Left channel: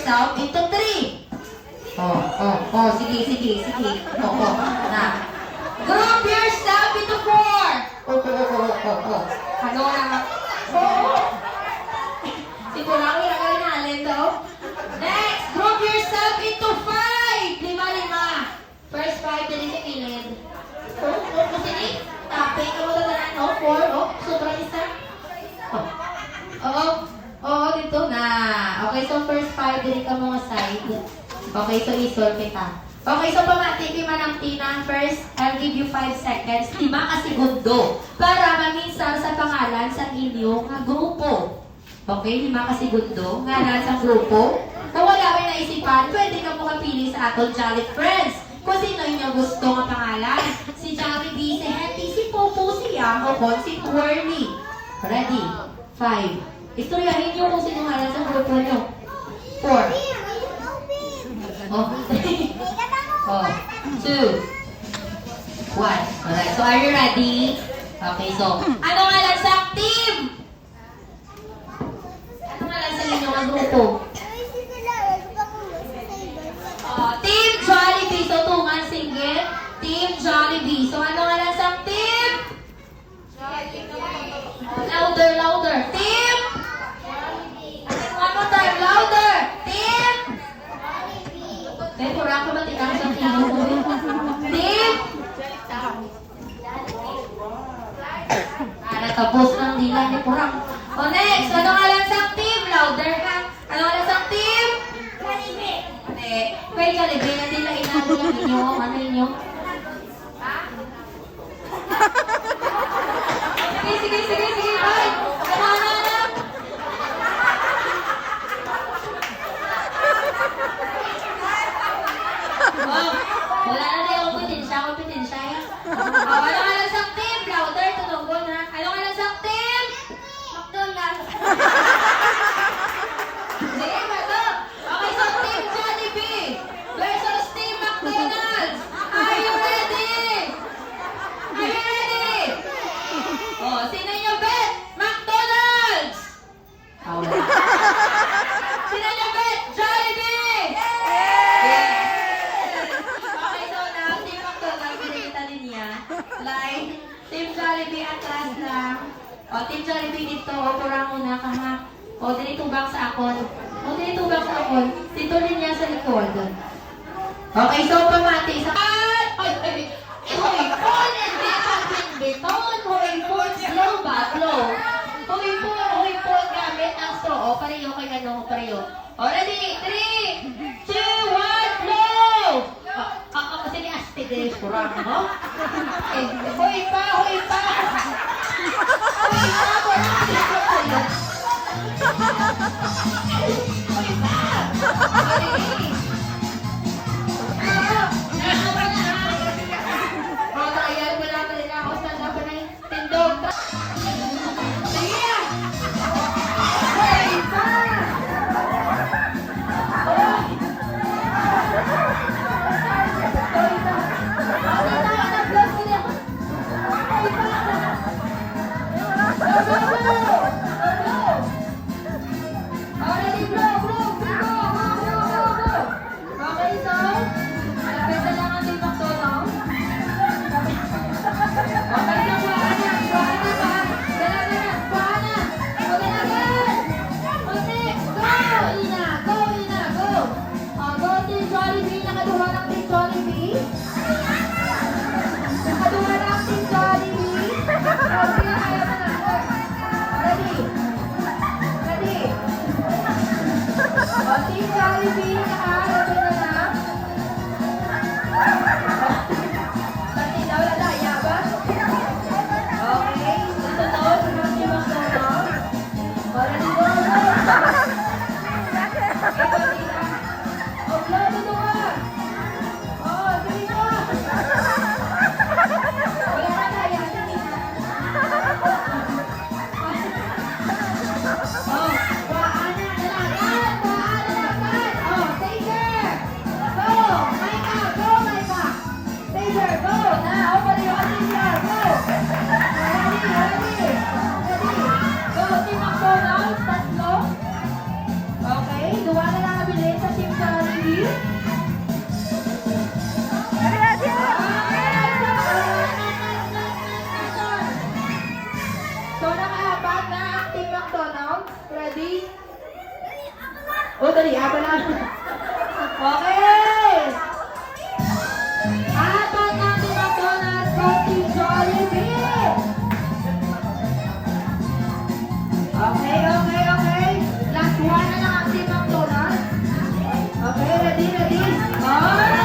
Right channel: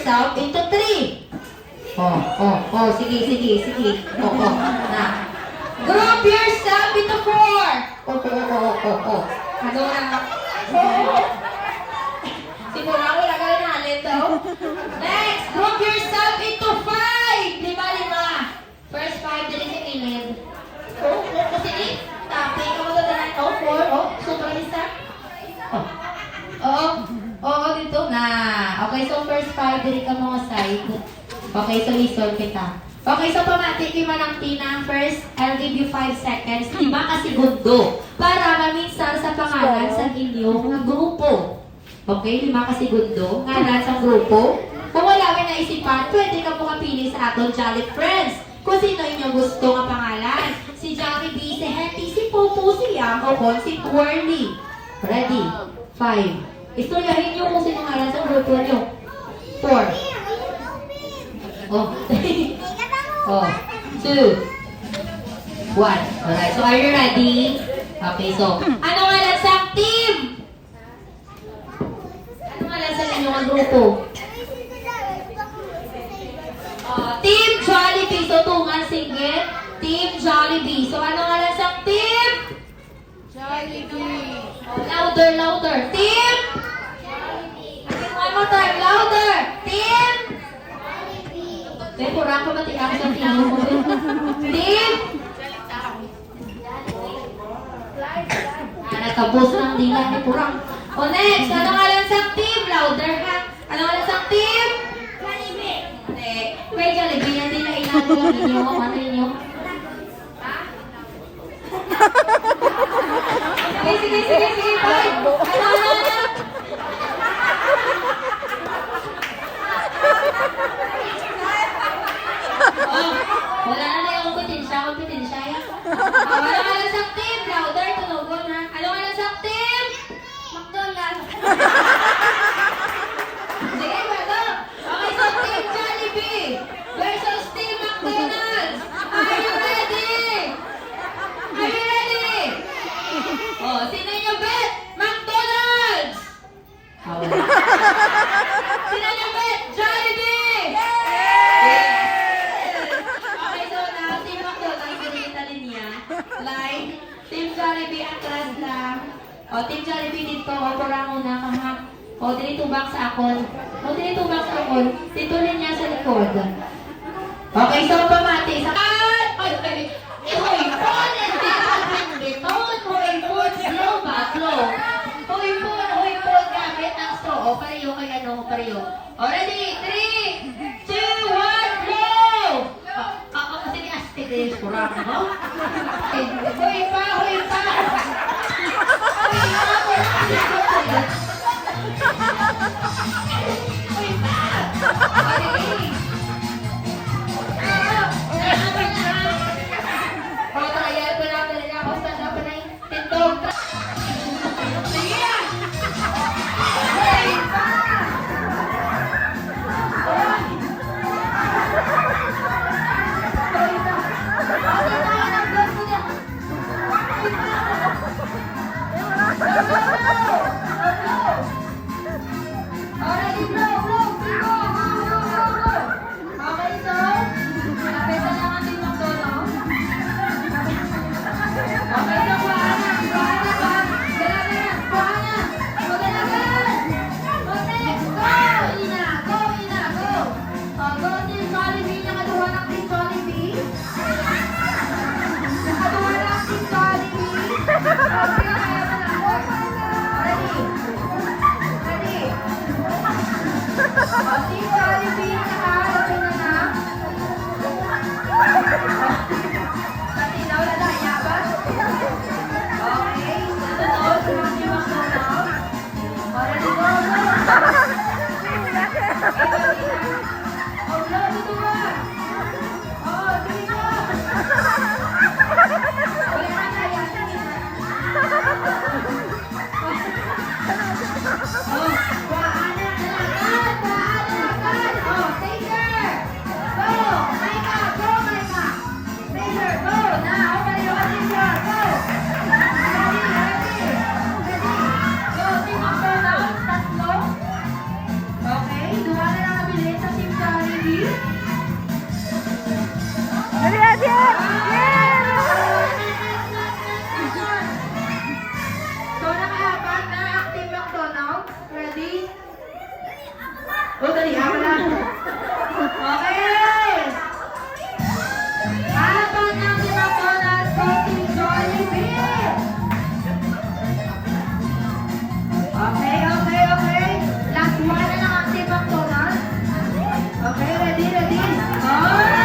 yourself into 3. Sige. Na. Group yourself into 4. Ano na? Siguro ako nagawin natin to. Next, group yourself into 5. 5. First 5 din sa kilid. Sige. Tapos, ikaw magagalan. 4. Super isa. Dito na. Okay, so first 5 din ka mga side. Okay, so isolve kita. Okay, so pamati ko man ang Tina. First, I'll give you 5 seconds. 5 kasigundo. Para maminsal sa pangalan sa inyong grupo. Okay, 5 kasigundo. Ngalan sa grupo. Kung wala may naisipan, pwede ka mo kapili sa atong Jolly Friends. Kung sino inyong gusto nga pangalan. Si Jollibee, si Hetty, si Popo, si Yang, o si Twirly. Ready? 5. Istoryahin niyo kung sino ngalan sa grupo niyo. 4. 2, 1. Alright, so are you ready? Okay, so, ano nga lang sa team? Ano nga lang sa inyong grupo? Team Jollibee. So, tungan, single. Team Jollibee. So, ano nga lang sa team? Jollibee. Louder. Team? One more time, louder. Team? May kurang ko ba tiyan sa team? Team? Natapos ng dilan ni kurang. O next, ano nga lang sa team? Louder ha? Ano nga lang sa team? Jollibee. May Jollibee na din na inaano lang inyo. Ano inyo? Ha? Sige, bye. Ano na? Wala na yung kompetensya. Ano nga lang sa team? Louder, tunugon ha? Ano nga lang sa team? McDonald's. Sige, bato. Okay, so team Jollibee versus team McDonald's. Are you ready? Sino yung bet? McDonald's! Wala. Sino yung bet? Jollibee! Okay, so now, team McDonald's, pinagita linya. Line. Team Jollibee, atras lang. Team Jollibee dito, kurang muna ka ha. Dito back sa akon. Dito linya sa likod. Okay, so pamati. Gamit ang so. Pareho kay ano, pareho. Ready? 3, 2, 1, go! Kasi ni Asti Grace, kurang mo. Hoy pa! Trial ko lang talaga ako. Saan na pa na yung tindog? O, dali, ako na. Okay! Apat ang McDonald's for Team Jollibee! Okay, okay, okay. Last one na lang ang Team McDonald's. Okay, ready, ready? Oh!